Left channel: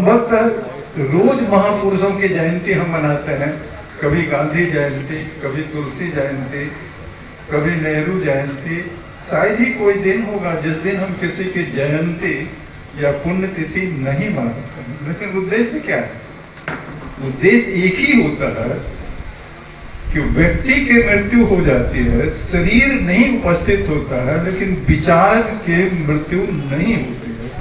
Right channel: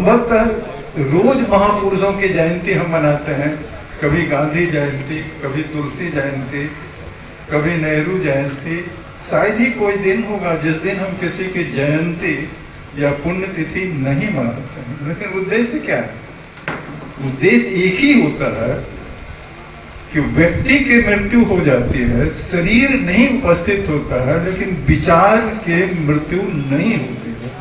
संभवतः रोज महापुरुषों की जयंती हम मनाते हैं, कभी गांधी जयंती, कभी तुलसी जयंती, कभी नेहरू जयंती। शायद ही कोई दिन होगा जिस दिन हम किसी की जयंती या पुण्यतिथि नहीं मनाते हैं। लेकिन उद्देश्य क्या है? उद्देश्य एक ही होता है कि व्यक्ति की मृत्यु हो जाती है, शरीर नहीं उपस्थित होता है, लेकिन विचार के मृत्यु नहीं होती है।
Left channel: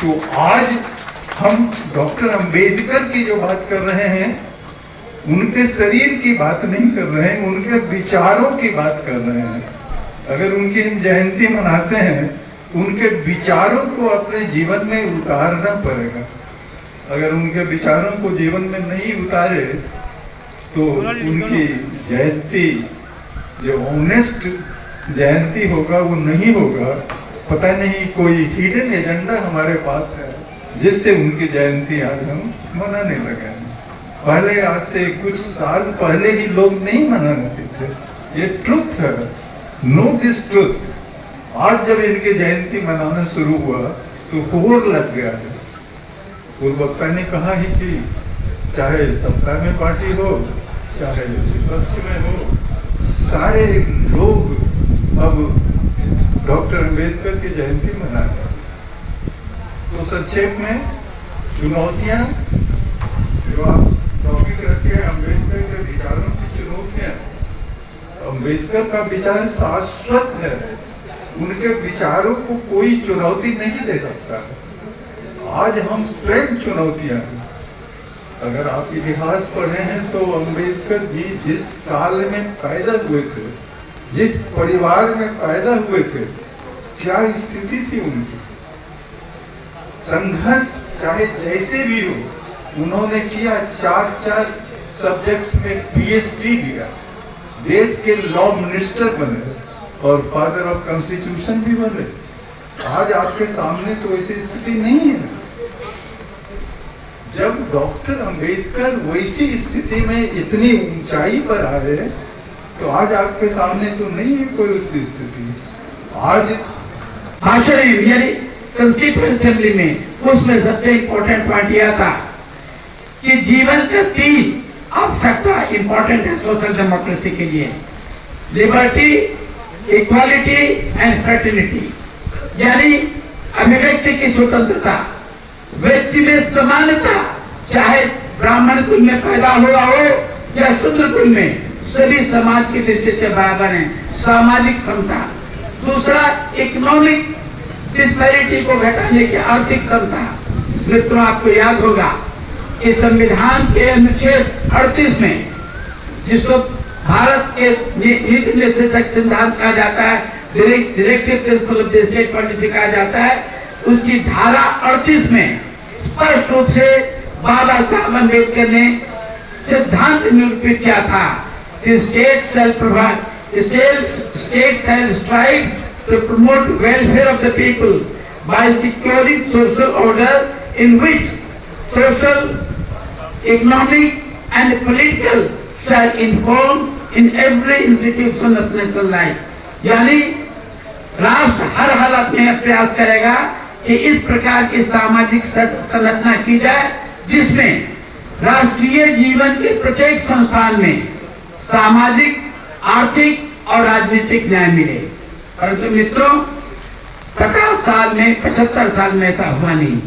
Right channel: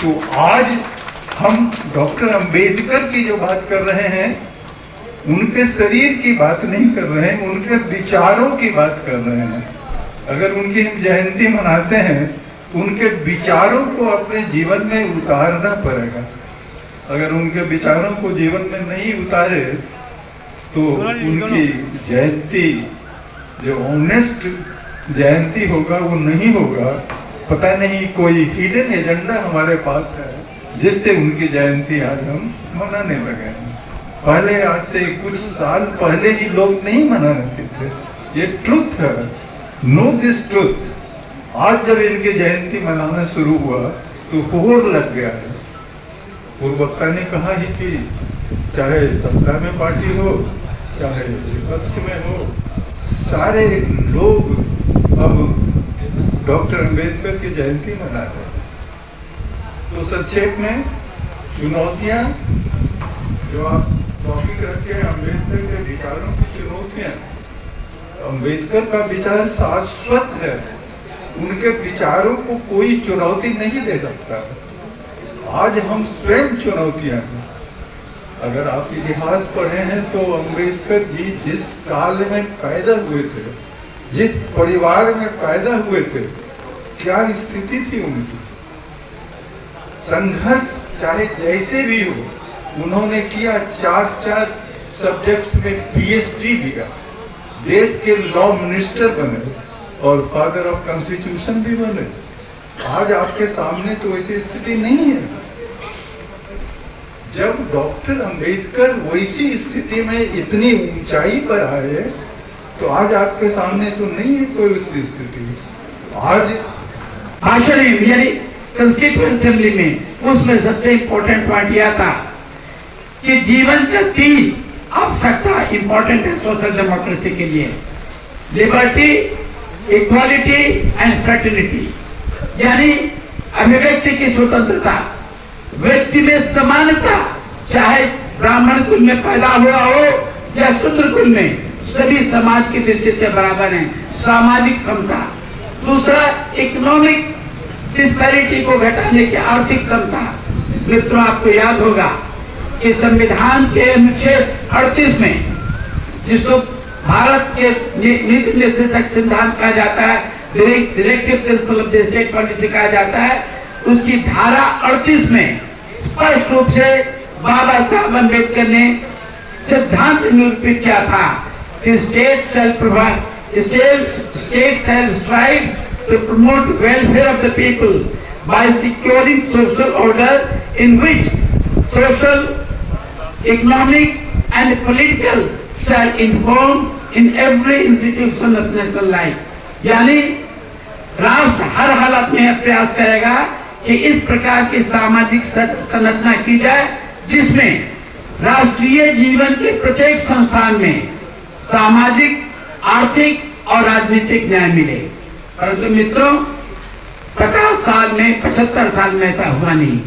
तो आज हम डॉक्टर अंबेडकर की जो बात कर रहे हैं, उनके शरीर की बात नहीं कर रहे हैं, उनके विचारों की बात कर रहे हैं। अगर उनकी हम जयंती मनाते हैं, उनके विचारों को अपने जीवन में उतारना पड़ेगा। अगर उनके विचारों को जीवन में नहीं उतारे तो उनकी जयंती जो ऑनेस्ट जयंती होगा वो नहीं होगा। पता नहीं कोई हिडन एजेंडा हमारे पास है जिससे उनकी जयंती आज हम मनाने लगे हैं। पहले आज से कुछ साल पहले ही लोग नहीं मनाते थे। ये ट्रुथ है, नो दिस ट्रुथ। आज जब इनकी जयंती मनाना शुरू हुआ तो होर लग गया है। पूर्ववक्ता ने कहा ही कि चाहे सत्ता में पार्टी हो, चाहे विपक्ष में हो, सारे लोग अब डॉक्टर अंबेडकर की जयंती मना रहे हैं। तो संक्षेप में चुनौतियां जो आप टॉपिक रखे, अंबेडकर के विचारों की चुनौतियां। अंबेडकर का विचार शाश्वत है, उनके विचारों को कोई चुनौती नहीं दे सकता। आज हम स्वयं चुनौतियां हैं। अगर आप इतिहास पढ़े हैं तो अंबेडकर जी जिस काल में पैदा हुए थे, जिस परिवार में पैदा हुए थे, क्या स्थिति थी उनकी। संघर्ष चाहे जैसे भी हो, उन्होंने किया। 4 सब्जेक्ट्स में पीएचडी लिया, देश के लॉ मिनिस्टर बने और फादर ऑफ कॉन्स्टिट्यूशन भी बने। आज आपके सामने तो ऐसी स्थिति नहीं है। जब डॉक्टर अंबेडकर वैसी स्थिति में इतनी ऊंचाई पर आए तो आज आपके सामने तो नहीं है कोई ऐसी स्थिति। आज मेरी कॉन्स्टिट्यूएंट असेंबली में उसमें सबसे इम्पोर्टेंट पॉइंट यह था कि जीवन के 3 आवश्यकता इम्पोर्टेंट है सोशल डेमोक्रेसी के लिए: लिबर्टी, इक्वालिटी एंड फ्रेटर्निटी। यानी अभिव्यक्ति की स्वतंत्रता, व्यक्ति में समानता, चाहे ब्राह्मण कुल में पैदा हुआ हो या शूद्र कुल में, सभी समाज की दृष्टि से बराबर हैं। सामाजिक समता। दूसरा, इकोनॉमिक डिस्पैरिटी को घटाने की आर्थिक क्षमता। मित्रों, आपको याद होगा कि संविधान के अनुच्छेद 38 में, जिसको भारत के नीति निर्देशक सिद्धांत कहा जाता है, directive principle of the state policy कहा जाता है, उसकी धारा 38 में स्पष्ट रूप से बाबा साहब अम्बेडकर ने सिद्धांत निरूपित किया था कि state shall strive to promote welfare of the people by securing social order in which social, economic and political shall inform in every institution of national life। यानी राष्ट्र हर हालत में प्रयास करेगा कि इस प्रकार की सामाजिक संरचना की जाए जिसमें राष्ट्रीय जीवन के प्रत्येक संस्थान में सामाजिक, आर्थिक और राजनीतिक न्याय मिले। परंतु मित्रों, 50 साल में 75 साल में ऐसा हुआ नहीं।